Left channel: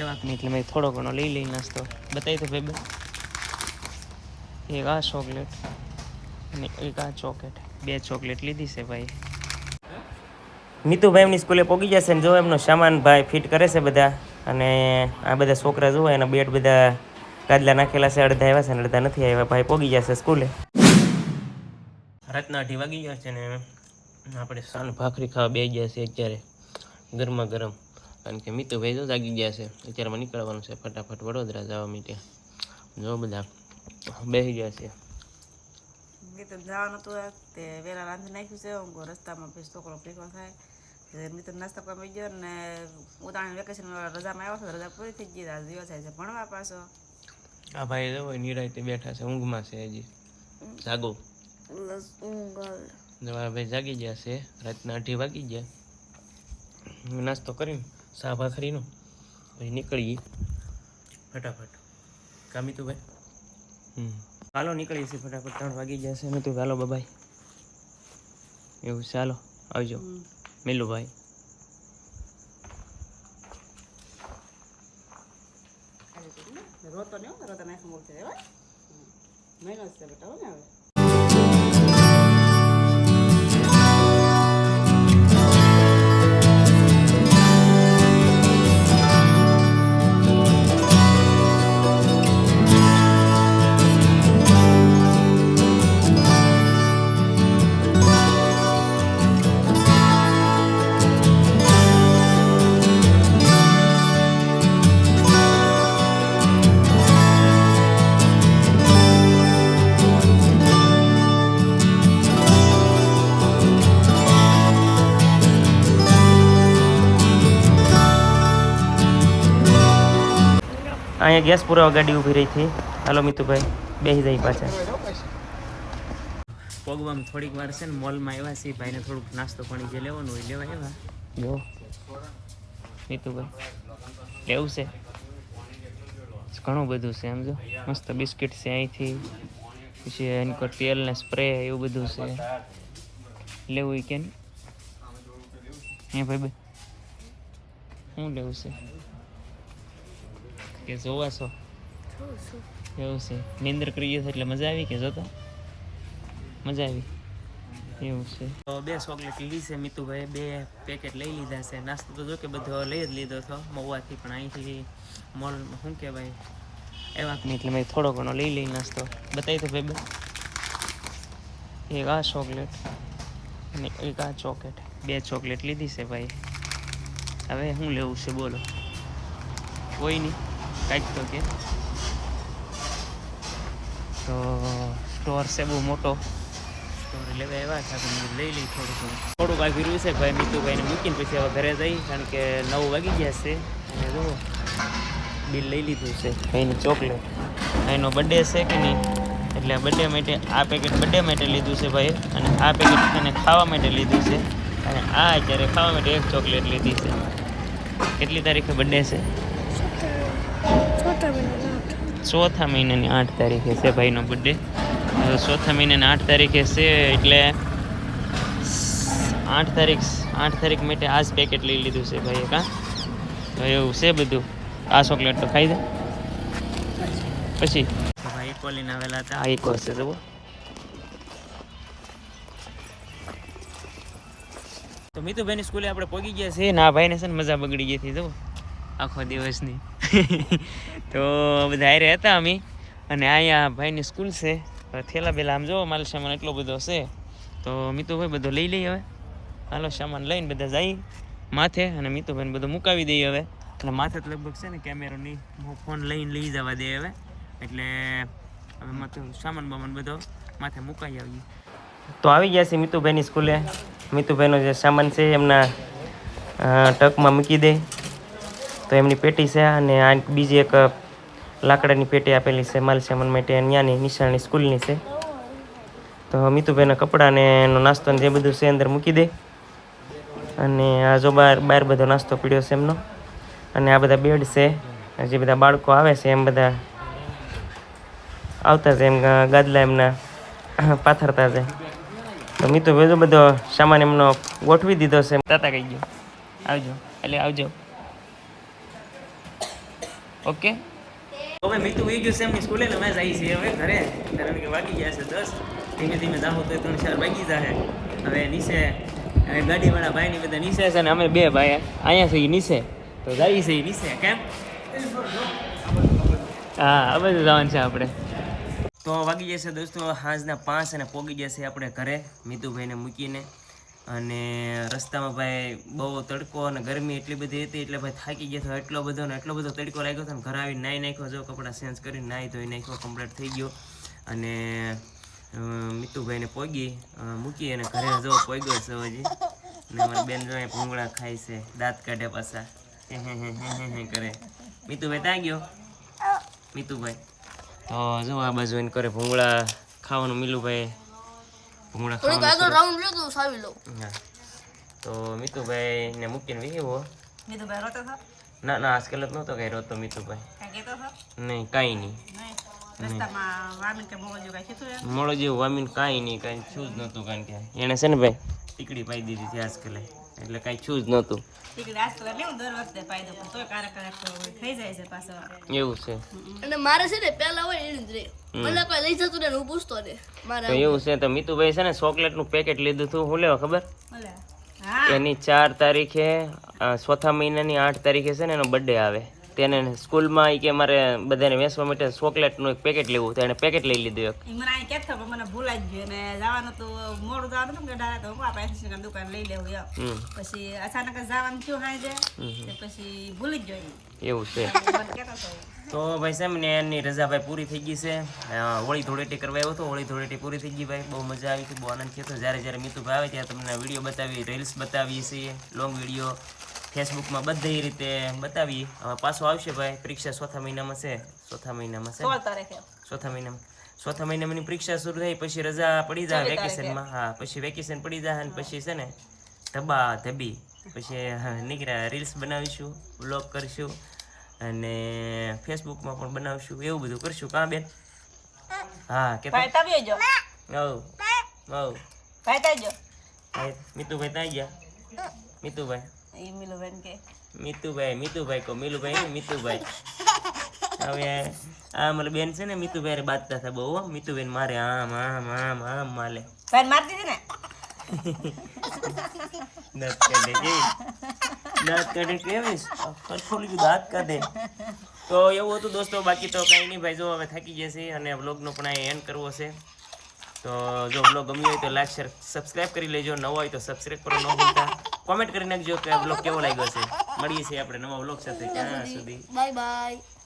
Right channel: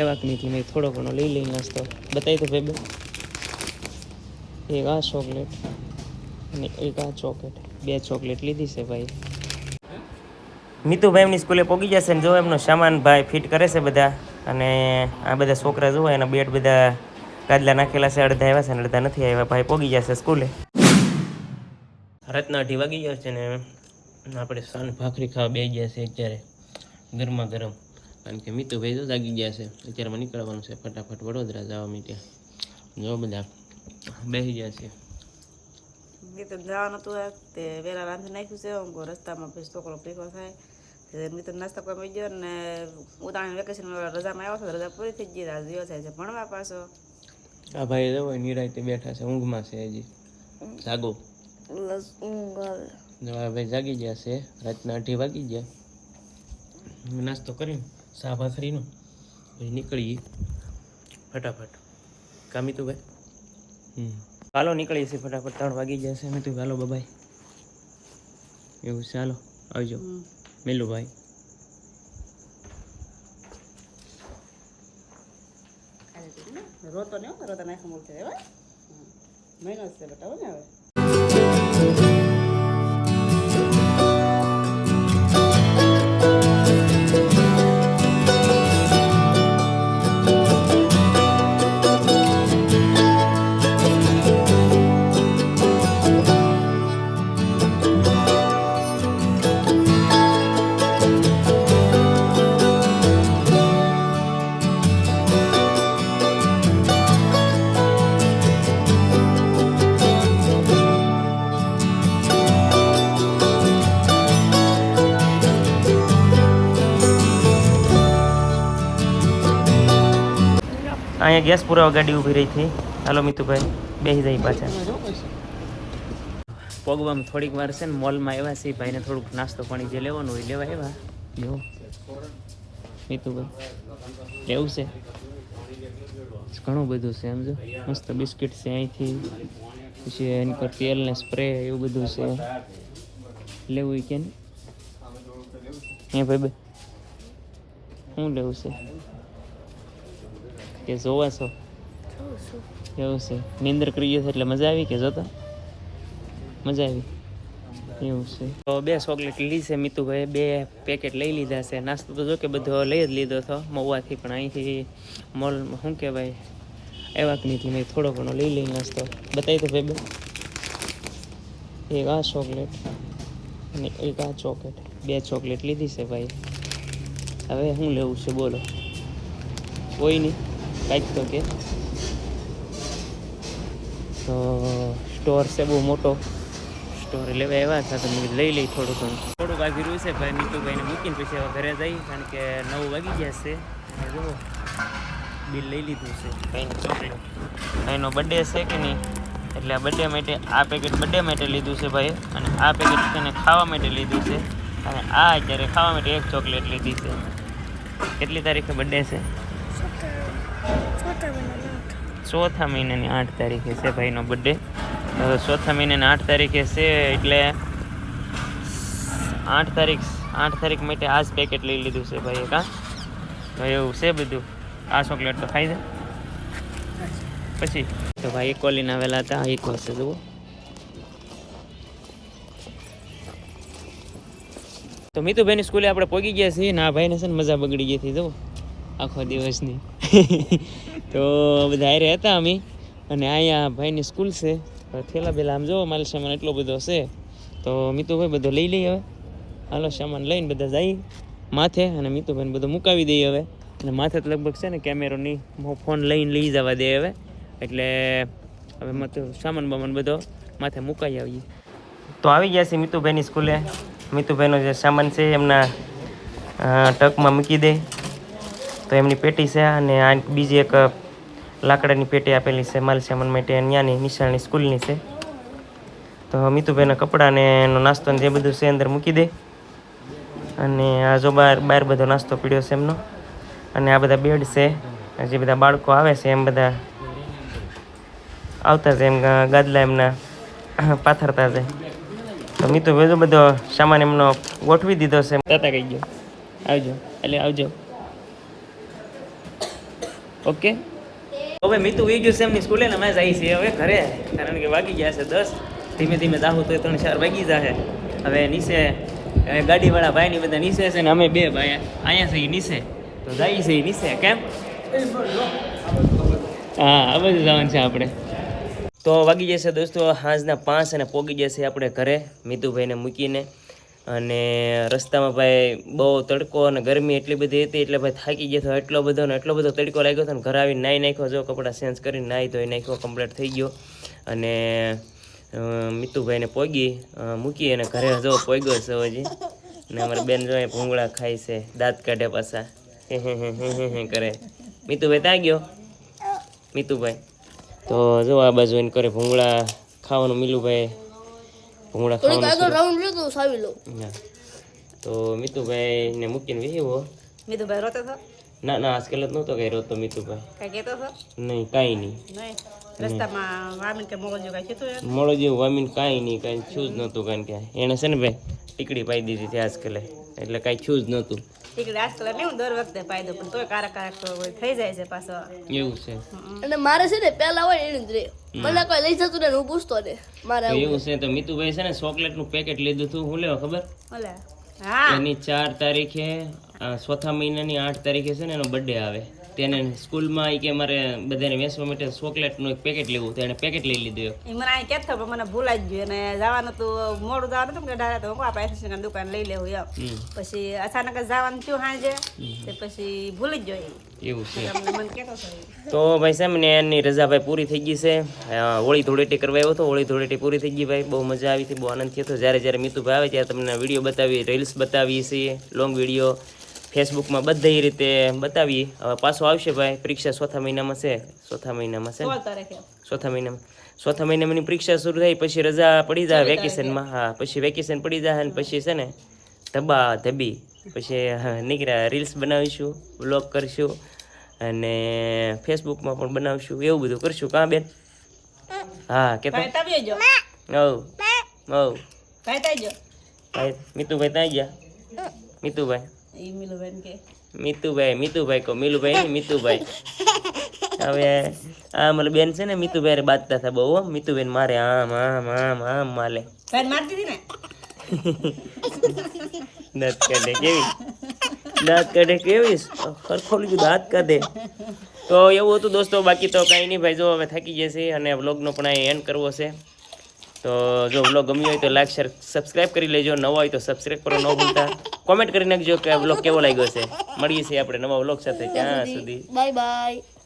એવા કે નહીં, એટલે મેં થોડો ઘણો લઈ લઈ નાસ્તો બતાવી તો ભાઈ એક આ ચોકલેટ અને એક આ ચોકલેટ. બે ચોકલેટ લીધી છે ભાઈ. મિતુભાઈ એમની સ્કૂલે પોગી જશે ને જો એમનો સામાન ભાઈ ફિટ કરે છે બધા, અને આ બધા છોકરા જુઓ, એના બેટ બધા ગાદલા નાખેલા છે, અડધા આવ્યા છે ને અડધા નથી આવ્યા. ભાઈ પોગી જશે સ્કૂલે. રાતના અઢી વાગી ગયા છે ને, આપણે સાંજ ભાખરી ખાવા બે ગયા છે અત્યારે ગરમા ગરમ. કારણ કે મિતુભાઈ તો જાગી ગયા છે. અત્યારમાં નીકળવાનું છે. ફટાફટ વડોદરા જવા માટે. જો બધા બેસી ગયા છે. મેં તો જવાનું હતું તે વેલા રાંધી નાખ્યું છે. હું રસ્તામાં પછી છોકરો ભેગો થાય. મિત્ર નાસ્તા કરવા મળી ગયો ને ઉતાણી વેકેશન રજામાં આવ્યો છે. રજા પૂરી થઈ ગઈ રાજ દિવસ થાય છે ભણવા પાછો. આ ભાઈ જો નિરાયતે બેઠા છે. ઊંઘમાં છે હજી. જાગો. ભાઈ જાગી ગયા છે. રાતના અઢી વાગી ગયા. હું નાસ્તો કરીને. સા ભાખરીનું પછી નીકળીએ. ફટાફટ. કામી તું ભાઈ હમ. ચાલો નીકળીએ છીએ ફટાફટ. ત્રણ વાગી જશે મેં તું ચાલો બબાઈ એવું છે, ચાલો આવજો. મિલું ભાઈ રોતો ને રોતા નાખવા મૂકશે હવે મહિનો છે બેટા ને હવે. અહીંયા ગેસ પુરાવા ગાડી ઊભી રહી હતી હાલો મિતુભાઈ બેસી જાય પાછા. પગવામાં થોડીક વાર છે ને મોલમાં આવ્યા છે, ભાઈને થોડુંક નાસ્તો પાણી જે લેવાનું હોય લેવા આવ્યા. જો. મિતુભાઈ લેવું છે? ઘણું બધું છે એમ જો. મસ્ત બિસ્કિટ છે અહીંથી. પછી એની પર તેલ ને સ્પ્રે એવું બધું છે. લેવું કે નહીં? હે ભાઈ શું લેવું છે? કે જોવા છો એવું છે નિંદર કરીએ એટલે મજા આવી કે જોતા મજા આવી એવું છે તો બે ચોકલેટ લીધી છે મિતુભાઈ બે પેકેટ લઈ લીધા છે નાસ્તો તો જો કે બધો લઈ જ લીધો હતો મહુવાથી પણ અહીંથી મોલ શું કહેવાય એવા કે નહીં એટલે મેં થોડો ઘણો લઈ લઈ નાસ્તો બતાવી તો ભાઈ બે એક આ ચોકલેટ અને એક આ ચોકલેટ બે ચોકલેટ લીધી છે ભાઈ હવે શું લેવું છે બોલો કોઈ નહીં કાંઈક તો કે. તો સ્ટોર છે બહુ મોટો. સ્ટોર લેવા આવ્યા છે તો લઈ લઈ થોડું ઘણું. થોડુંક આગળ રહ્યું છે ભાઈ નીતુભાઈને મૂકીને પછી હવે ઘરે જઈ, કારણ કે નવ વાગી ગયા છે. અને જુઓ, બિલ લઈ લીધું છે. ભાઈની ચોકલેટ. ભાઈનો બર્થડે છે કે નહીં? એટલે આ બર્થડે માટે, આ પેકેટ બર્થડે માટે લીધું છે ભાઈ અને આ પેકેટ એને ખાવા માટે લીધું છે. અને આ અત્યારે ખાવા માટે એક ચોકલેટ લીધી છે. કેટલી તારીખે બર્થડે છે? ચોથા મહિનાની આઠ તારીખે છે ભાઈનો બર્થડે ચોથા મહિનાની આઠ તારીખે છે એટલે આઠ તારીખ આઠ તારીખ માટે આ જ પેકેટ લઈ લીધું છે ભાઈએ કાં? ભાઈ એવું છે બધું. આ ચોકલેટ તો ખાઈ દે પછી? ભાઈ ઇકોલીને આવેલા હતા, આ ઇકો છે જુઓ. તો મિતુભાઈની સ્કૂલે આપણે પહોંચી ગયા છીએ ના ભાઈને છે ને મજા બગડી ગઈ હતી, જુઓ. આખો દિવસની. તો બધા હારે હતા અમે. અને અહીંયા ભાઈની સ્કૂલ છે. થેલા બેલા આમ જોવો, માલ સામાન એટલો બધો છે. તો મીતુભાઈ બધો લઈ લઈએ હવે. હાલો, સામાન લઈને બધા જઈ માથે અને મીતુભાઈને બધું મુકાવી દઈએ હવે. અને માથે તો લગભગ છે ને કેમેરો નહીં ફોન લઈને લઈ જવા દે હવે. એટલે હવે માથે સામાન બામાન બધો માથે મુકાઈ આવીએ. તો આવી ગયા છે મીતુભાઈની સ્કૂલે. મીતુભાઈનો જે સામાન છે, એમના ટકમાં મૂકી દે. તો એમની પેટી છે અને આ બીજી એક લાકડાની પેટી આપેલી છે માલ સામાન માટે ત્યાંની નિશાળની સ્કૂલની છે. તો મિતુભાઈના કપડાને એનો નાસ્તો જે બધું છે અંદર મૂકી દે. અને આ જો બહાર બહાર બધો નાસ્તો પીડ્યો છે એમનો. અને આ બધા બેડ છે, જે બધા બાળકો આવે છે, એમ બધા આવતા છે, એમ ગાદલા એમના પાથરતા છે. તો જો બધો સામાન એમનો ગોઠવી દીધો છે. તાતા કહી ગયો આવજો. એટલે આવજો. ઓકે? હવે મિતુ વી ગયું છે એમની સ્કૂલે ને અમે જઈએ છીએ હવે ઘરે, કારણ કે વાગી ગયા છે દસ. ધીમે ધીમે જાહું તો ત્રણ ચાર વાગી જશે હવે નીચે ગાડીવાળા ગાડીવાળા ભાઈની બધા નીચે છે ને અમે બે ભાઈ અહીંયા છીએ નીચે. તો જઈએ છીએ નીચે, કેમ? હા બધું જવાનું છે આપણે. તો વાગી જશે દોસ્તો સાંજના પાંચ અને પોગી જશે આપણે ઘરે, મિતુભાઈને મૂકીને. અને રસ્તામાં ભાઈ બહુ તડકો અને ગરમી એટલી બધી હતી, એટલે ભાઈ થાકી ગયો હતો એટલો બધો ને એટલો બધો તડકો લાગ્યો હતો ને ઘરે આવીને નાહી નાખ્યો, જો કપડાં ચેન્જ કરીને નાહી ધોઈ નાખ્યો કમ્પ્લીટ થઈ ગયો. અને મિતુભાઈને પોગી મૂકી અને ઘરે જો પોગ્યો છે હજી. ને અમારા બેન જો ભૂંગળા ખાય છે, દાંત કાઢે પાછા. કરે. મીતુભાઈ ત્યાં ગયો? મીતુભાઈ. તો જો આ બાજુ એને કરે ભૂંગળા ખાવાનું, મિલુભાઈ ભૂંગળા ખાવાનું રાઉન્ડ લ્યો તો સાવી લઉં. તો મિતુભાઈ ને મૂકીને વિહેવો મેં તો ભાઈ રોતો ના ના આજકાલ જ નહોતો કઈ રોતો મિતુભાઈ. કઈ કહેતો હતો? નહીં કાંઈ નહીં. નહીં. રસ્તામાં વામીન કે જેવું કાંઈ વામીન કાંઈ નહીં કાંઈ છું જ નહોતું કારણ કે એણે છે ને ભાઈ ટીકડી પાઈ દીધી હતી આજકાલે. એટલે કાંઈ થયું જ નહોતું. એવું છે. અને મારે છે ને પેલા હોય એને જ રે. મને કોઈ લઈ જતું ને હું પૂછતો ને મારે એવું છે તો મિતુભાઈ છે ને ચોકલેટનું પેકેટ લીધું હતું હું લેવા ખબર? હા. એની ચાર તારીખે ચોથા મહિનાની આઠ તારીખે છે ને એનો બર્થડે આવે. તેને સ્કૂલમાં એ કે મારે બધાને વેચવા માટે ચોકલેટનું એક પેકેટ લેવું તો એને પેકેટ લઈ લીધું એક. મને અહીં કહેતો પણ મને ભૂલાઈ જ ગયું અને જવાનું તો મોડું જવાનું હતું કે ડાયરેક્ટ હું આપણે એફએસની દુકાન લઈ લેવું એમ. પછી અચાનક જવાનું થયું હાજે તે પછી ભૂલી જ ગયો એવું છે. હતો. તો ભાઈ સાહેબ ને એની રજા ભાઈ પૂરી થઈ ગઈ છે. હોળી ધૂળેટી કરવા આવ્યો હતો હોળી ધૂળેટી પૂરી થઈ ગઈ ભાઈ. બહુ મજા આવી હતી બહુ આનંદ થયો હતો. જ્યારે જ્યારે મિતુભાઈ આવે ત્યારે તમને વીડિયો બતાવી રીલ્સ બતાવીએ છીએ લોંગ વીડિયો ફેસબુકમાં બધી રીતે બતાવીએ. હવે પાછો આવશે ભાઈ પરીક્ષા ચોથા મહિનામાં છે. ચોથા મહિનામાં છે? ચોથા મહિનામાં. ચોથા મહિનામાં પરીક્ષા શરૂ થઈ પછી રજા પડી જાય વેકેશનમાં. હા પછી વેકેશન પડી જાય અને પછી છે ને ધબા ધબી. પછી નીકળ્યા રીલ્સ બનાવીશું વ્લોગ કરશું અને ફેસબુકમાં પણ બનાવશું એવું બધું કરશું. કાં બેન? હા કે મીતુભાઈ ત્યાં ગયા? મીતુભાઈ. એ મિલુબેન કે. મીતુભાઈ મીતુભાઈ કહો મિલુભાઈ નહીં, મીતુભાઈ. હવે આ મારી બેન છે ને મીતુભાઈ હારે હતા બહુ હો. મારે આમ આમ આમ આમ માલે. મારતી હતી ને? દાંત કાઢે કેવી? દાંત કાઢે કેવી? દાંત કાઢે. તો એવું હતું દોસ્તો બાકી તો કાંઈ નહીં ભાઈ જો હવે થાકી જશે અને વ્લોગનો પણ અહીં એન્ડ કરવો છે. તો જો વ્લોગ ગમ્યો હોય તો લાઈક શેર સબસ્ક્રાઈબ કરી લેજો. નવા હોય તો સબસ્ક્રાઈબ કરો, ન ભૂલતા. કોમેન્ટ કરી નાખજો કે વ્લોગ કેવો લાગ્યો છે. મળીએ છીએ આપણે નવા વ્લોગ સાથે. ત્યાં સુધી. Bye bye